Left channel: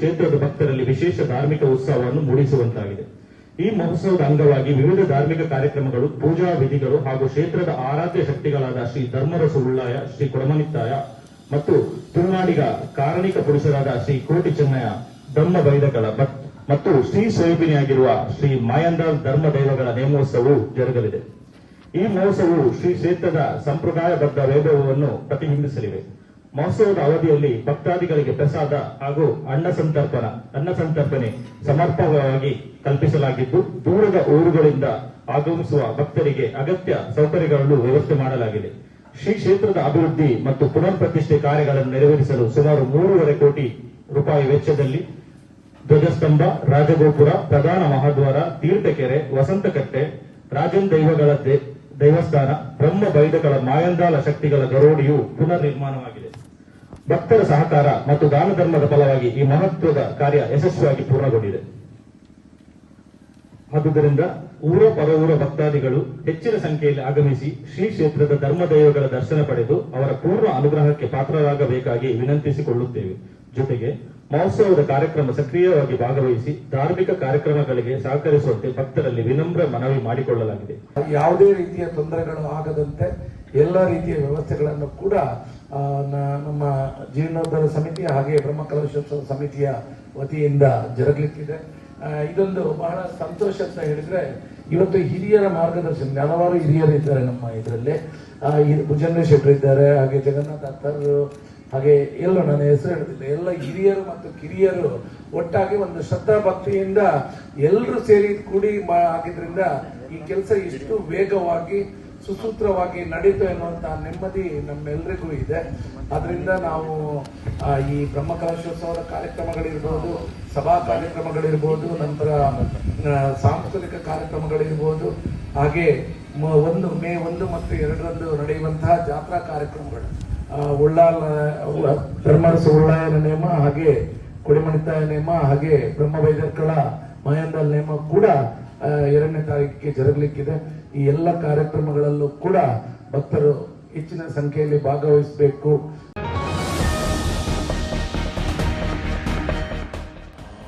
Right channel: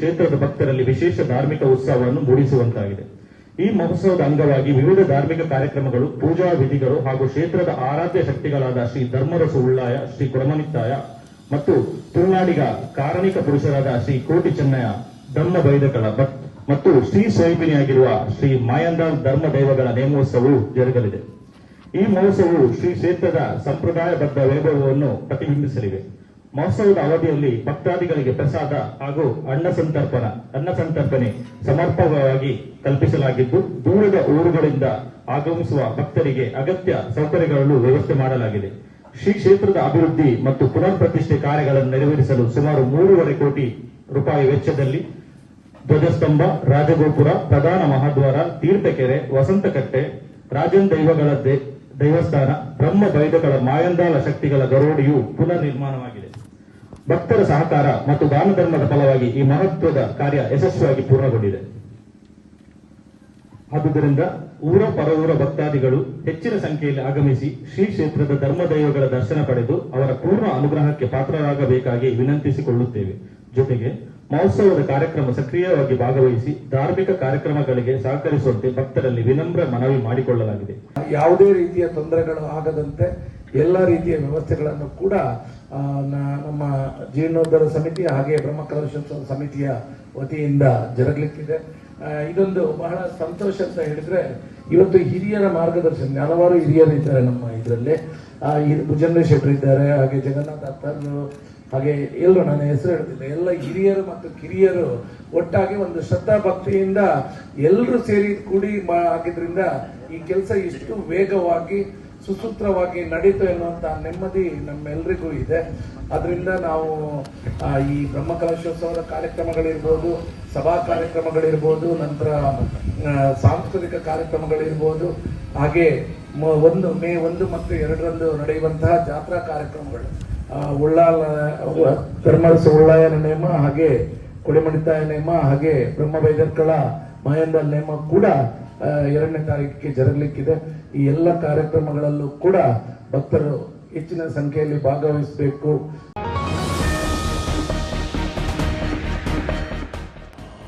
ಕ್ಷೇತ್ರದ ಭಕ್ತರಲ್ಲಿ ವಿಶೇಷ ಧಾರ್ಮಿಕ ಉತ್ಸವವನ್ನು ಮೂಡಿಸುವಂತಾಗಿದೆ. ಈ ಮಹೋತ್ಸವದ ಅಂಗವಾಗಿ ವಿವಿಧ ಧಾರ್ಮಿಕ ಕಾರ್ಯಕ್ರಮಗಳು, ಪೂಜಾ ವಿಧಿಗಳು ಹಾಗೂ ಕ್ಷೇತ್ರದ ಆರಾಧ್ಯ ಶಕ್ತಿಗಳಾದ ಶ್ರೀ ಧರ್ಮರಸ ಉಳ್ಳಾಯ, ಶ್ರೀ ಕೊಡಮನಿತ್ತಾಯ ಮತ್ತು ತುಳುನಾಡಿಗ ಕಾರಣಿಕ ಪುರುಷರಾದ ಶ್ರೀ ಕೋಟಿ ಚೆನ್ನಯ್ಯ ಧರ್ಮ ಬೈದಕಳ ಮತ್ತು ಶ್ರೀ ಸ್ವಯಂಪಿನಿಯಾಗಿರುವ ಶ್ರೀ ಮಾಯಂದಾಲ್ ಧರ್ಮ ದೈವಗಳ ನೇಮೋತ್ಸವವು ಜರುಗಲಿದೆ. ಈ ಮಹೋತ್ಸವವು ಶ್ರೀ ಕ್ಷೇತ್ರದ ಸಂಪ್ರದಾಯಬದ್ಧ ವೈಭವವನ್ನು ಪ್ರತಿಬಿಂಬಿಸಲಿವೆ. ಮಹೋತ್ಸವದ ಅವಧಿಯಲ್ಲಿ ಭಕ್ತಾದಿಗಳಿಗೆ ಪ್ರಸಾದ ಹಾಗೂ ಅನ್ನ ಸಂತರ್ಪಣೆ ಸಮರ್ಪಕವಾಗಿ ಕಲ್ಪಿಸಲಾಗಿದ್ದು, ದೂರದ ಊರುಗಳಿಂದ ಆಗಮಿಸುವ ಭಕ್ತರಿಗೆ ಅಗತ್ಯ ಸೌಕರ್ಯಗಳನ್ನು ವ್ಯವಸ್ಥೆ ಮಾಡಲಾಗಿದೆ. ಶ್ರೀ ಕ್ಷೇತ್ರದ ಅಭಿವೃದ್ಧಿ ಮತ್ತು ಪುನರ್ ಪ್ರತಿಷ್ಠೆ ಕಾರ್ಯಗಳನ್ನು ನೆರವೇರಿಸಲು ಸುಮಾರು 3.5 ಕೋಟಿ ರೂಪಾಯಿ ವೆಚ್ಚದಲ್ಲಿ ಧ್ವಜಸ್ತಂಭ, ರಾಜಗೋಪುರ, ಪ್ರಧಾನ ಮಹಾದ್ವಾರ, ತೀರ್ಥಕೆರೆ, ವಸಂತಕಟ್ಟೆ, ರಾಜನ್ ದೈವಗಳ ದೇವಸ್ಥಾನ, ಬ್ರಹ್ಮ ಬೈದಗಳ ಮಾಯಂದಾಲ ಶಕ್ತಿಗಳ ಗರೋಡಿಯು ಪುನರ್ ನಿರ್ಮಾಣವಾಗಿದೆ. ಭಕ್ತರ ಸಹಕಾರ ಮತ್ತು ದಾನ ಧರ್ಮದ ಫಲವಾಗಿ ಈ ಮಹತ್ವದ ಕಾರ್ಯ ಯಶಸ್ವಿಯಾಗಿ ಪೂರ್ಣಗೊಂಡಿದೆ. ಆದುದರಿಂದ ಊರ ಪರವೂರ ಭಕ್ತಾದಿಗಳು ಹೆಚ್ಚಿನ ಸಂಖ್ಯೆಯಲ್ಲಿ ಆಗಮಿಸಿ ಶ್ರೀ ಕ್ಷೇತ್ರದ ಧರ್ಮ ದೈವಗಳ ದರ್ಶನ ಪಡೆದು ಅವರ ಪೂರ್ಣ ಅನುಗ್ರಹಕ್ಕೆ ಪಾತ್ರರಾಗಬೇಕಾಗಿ ವಿನಂತಿಸಿಕೊಳ್ಳುತ್ತೇವೆ. ಜೊತೆಗೆ ಮಹೋತ್ಸವದ ಕಾರ್ಯಕ್ರಮ ಸಕ್ರಿಯವಾಗಿ ಭಾಗವಹಿಸಿ ಧಾರ್ಮಿಕ ಕಾರ್ಯಕ್ರಮಗಳಿಗೆ ಸಹಕರಿಸುವಂತೆ ಭಕ್ತರಲ್ಲಿ ವಿನಮ್ರ ಮನವಿ ಮಾಡಿಕೊಳ್ಳಲಾಗಿದೆ. ಯಾವುದೇ ರೀತಿಯ ತೊಂದರೆಗಳು ಆಗದಂತೆ ಎಲ್ಲ ರೀತಿಯ ವ್ಯವಸ್ಥೆಗಳನ್ನು ಕೂಡ ನಮ್ಮ ಜೀರ್ಣೋದ್ಧಾರ ಸಮಿತಿ ಹಾಗೆ ಬ್ರಹ್ಮಕಲಶೋತ್ಸವ ಸಮಿತಿಯ ವತಿಯಿಂದ ಜರುಗಲಿಕ್ಕಿದೆ. ಇದೊಂದು ಬಹಳ ಸಂತೋಷ ಅಂತ ಹೇಳಿದ್ರೆ, ಇವತ್ತು ಹಿರಿಯರ ಮಾರ್ಗದರ್ಶನ ಹಲವಾರು ಹಿರಿಯರು ಇದ್ದಾರೆ ನಮ್ಮ ಇದರಲ್ಲಿ. ಭುಜಂಗ ಶೆಟ್ಟರು ಇದ್ದಾರೆ, ಹಾಗೆ ಜಗನ್ನಾಥ ಅತ್ತರು, ಹಾಗೆ ಎಲ್ಲರೂ ನನ್ನ ಹೆಸರು ಹೇಳ್ತಿದ್ದೆ, ಎಲ್ಲ ಹಿರಿಯರು ಮತ್ತು ಕಿರಿಯರು ಒಟ್ಟಾಗಿ ಒಂದು ಶ್ರದ್ಧಾ ಭಕ್ತಿಯಿಂದ ಎಲ್ಲರೂ ಸೇರಿ ಕೂಡಿ ಆಗಿದ್ರಿಂದ ಈ ಕೆಲಸ ಇಷ್ಟು ವೇಗವಾಗಿ ಸುಸೂತ್ರವಾಗಿ ನಡೀತು ಎನ್ನುವಂತ ನೆಮ್ಮದಿ ನಮ್ಮೆಲ್ಲರಿಗೂ ಇದೆ. ಅದರಿಂದ ನಾವು ಈ ಬ್ರಹ್ಮಕಲಶೋತ್ಸವದ ಕಾರ್ಯಕ್ರಮಗಳಿರ್ಬೋದು, ಸಭಾ ಕಾರ್ಯಕ್ರಮಗಳಿರ್ಬೋದು, ನಂತರ ಸಾಂಸ್ಕೃತಿಕ ಕಾರ್ಯಕ್ರಮಗಳಿರ್ಬೋದು, ಹಾಗೆ ಮೇ 1 ಮತ್ತು 2ರಂದು ನಡೆಯುವಂತಹ ಜಾತ್ರಾ ಕಾರ್ಯಕ್ರಮಗಳು, ಧರ್ಮರಸ ಉಳ್ಳಾಯನ ನೇಮ, ಹಾಗೆ ಕೊಡಿಮಣಿತಾಯ ನೇಮ, ಹಾಗೆ ಬ್ರಹ್ಮವೈದರ್ಕಳ ಮಾಯಂದಾಲ್ ನೇಮ ಕೂಡ 2ನೇ ತಾರೀಕಿಗೆ ಜರುಗಲಿಕ್ಕಿದೆ. ಈ ಎಲ್ಲ ಕಾರ್ಯಕ್ರಮಗಳಲ್ಲೂ ಕೂಡ ಭಕ್ತರು ಹೆಚ್ಚಿನ ಸಂಖ್ಯೆಯಲ್ಲಿ ಭಾಗವಹಿಸಬೇಕು.